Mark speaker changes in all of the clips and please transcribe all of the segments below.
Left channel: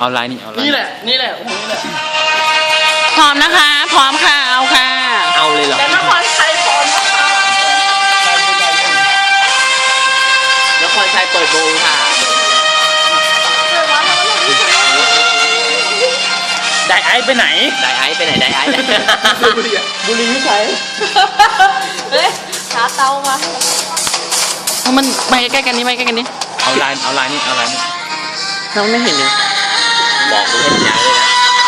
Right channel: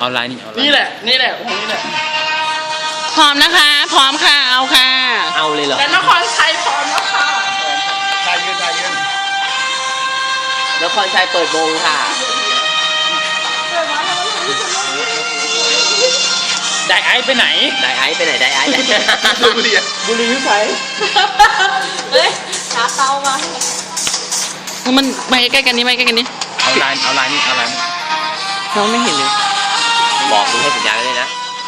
Speaker 1: เอาลายนี่เอาลาย
Speaker 2: นี่แหละนี่แหละองค์นี้แหละ
Speaker 3: พร้อมนะคะ พร้อมค่ะ เอาค่ะ
Speaker 1: เอาเลยเหรอ
Speaker 2: แต่นครชัยพร้อมแล้วค่ะใจเย็นใจเย็น
Speaker 1: นครชัยเปิดวงค่ะได้ไอซ์ไปไหนได้ไอซ์ไปไหนได้ไอซ์
Speaker 2: บุรีวิชัย
Speaker 4: เฮ้ยหาเตามา
Speaker 3: มันไปใกล้ๆกันนี้ไปใกล้ๆกันนี้
Speaker 1: เอาลายนี่เอาลายนี่
Speaker 3: เราไม่เห็นเลย
Speaker 1: บอกดูให้ผมย้ายเลยนะ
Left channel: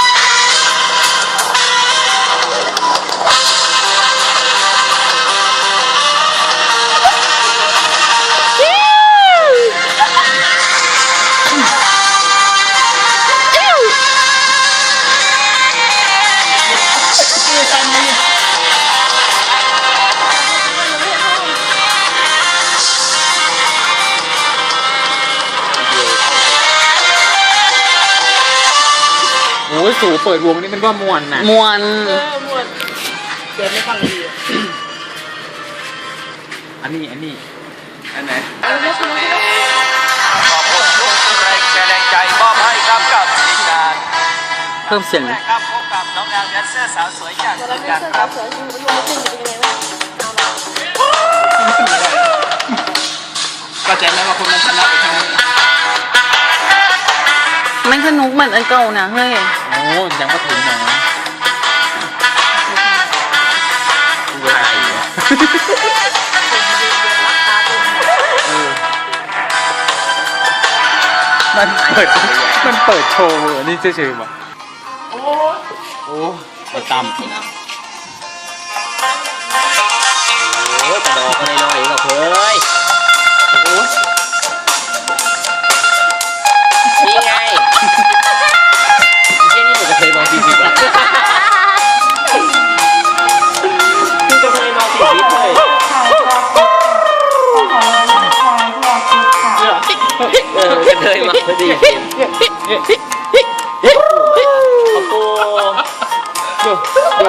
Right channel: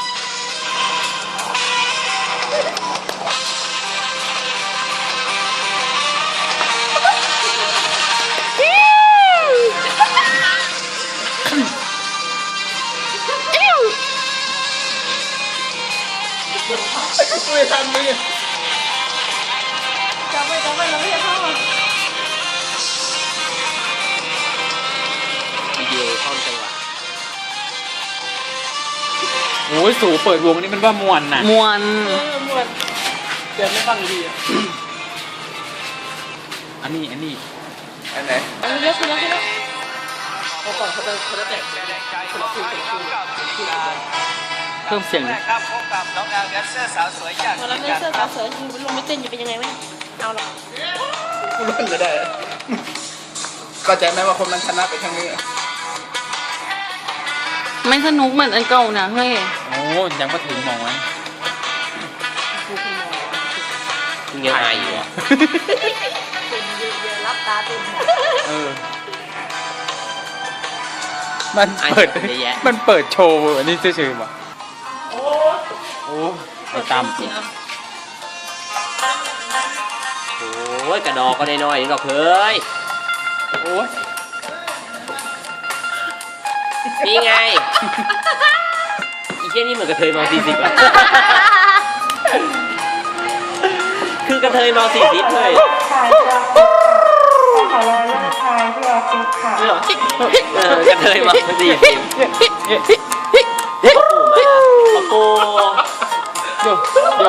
Speaker 1: โอ้ยสูเปิดวงนี่มันว่ามวนนะ
Speaker 3: มวน
Speaker 2: หมดเดินไม่ฟังดี
Speaker 1: อันนี้อันไหน
Speaker 4: เลือกคุณแล้วคุณแล้ว
Speaker 5: แรงใจมอบให้ครับกับทีมงาน
Speaker 3: เพิ่มเสียง
Speaker 5: แรกครับพบกับน้องนางแดนเซอร์สาวสวยจาก
Speaker 4: เวลาเลือกเสื้อขาวสวยจริงๆมันไม่ตึงจะเป็นยังไงบ้างเอาละ
Speaker 2: ไม่ได้ก็ใจไหมว่าคนมันชนะไปทางนี้
Speaker 3: ไม่สนุกเหมือนอันเก่านะเฮ้ย
Speaker 1: โอ้ยังมาถึงหมอถ่ายอยู่
Speaker 4: รับตาตึง
Speaker 1: มันเปิดโชว์อันนี้เฉยๆป่ะโอ้ไปตามโอ้ยกระดอกก็น้อยๆกับเฮ้ยโอ้ยนี่ไงอีเจ้นี่เหมือนกระเทยมา40แล้วคือกระเทยมา40เลย
Speaker 4: ถ่ายกราฟิกขอถ่ายกราฟิกค่ะ
Speaker 1: กระเทยมา40โอ้โหเดี๋ยว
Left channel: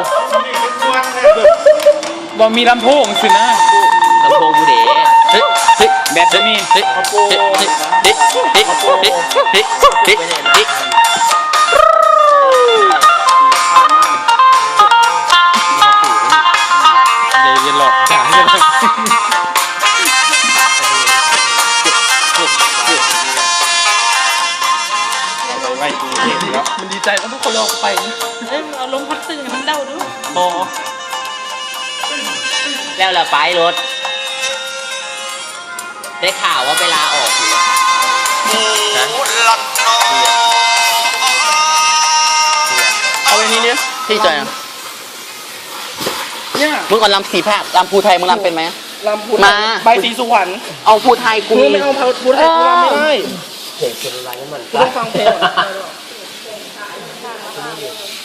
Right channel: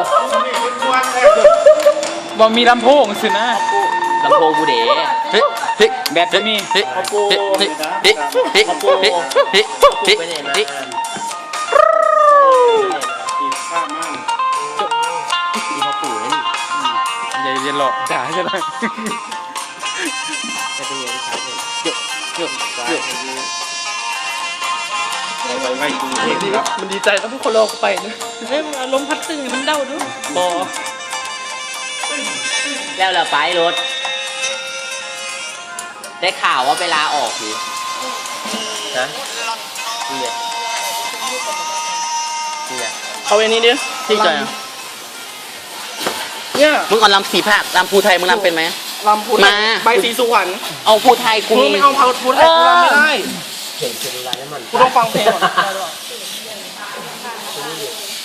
Speaker 1: บอมีลำโพงสินะลำโพงบูเด๋เฮ้ยเฮ้ยแบตจะมีเฮ้ยเฮ้ยเฮ้ยเฮ้ยเฮ้ยเฮ้ยเฮ้ยเฮ้ยเฮ้ยอย่าหลอกด่าจะเลย
Speaker 2: มันดีใจแล้วทุกคนรอกูไปนี่
Speaker 4: อารมณ์พัดตึงมันเดาด้วย
Speaker 2: บอ
Speaker 1: แล้วล่ะไปรถได้ข่าวว่าเวลาออกอยู่ฮะ
Speaker 2: เอาอย่างนี้ดิ
Speaker 3: พี่จอยอ่ะ
Speaker 2: เนี่ย
Speaker 3: มึงเอาลำสีภาคลำภูไทยมึงลำเป็นไหม
Speaker 2: ลำพูน
Speaker 3: มา
Speaker 2: ใบสีสุวรรณ
Speaker 3: เอาภูไทยกู
Speaker 2: มึง
Speaker 3: มี
Speaker 2: ไม่เอาเผาพูนกูรำไม่ได้
Speaker 1: เพลงเป็นอะไรนั่นมัน
Speaker 2: กูต้องฟังเพลงก่อน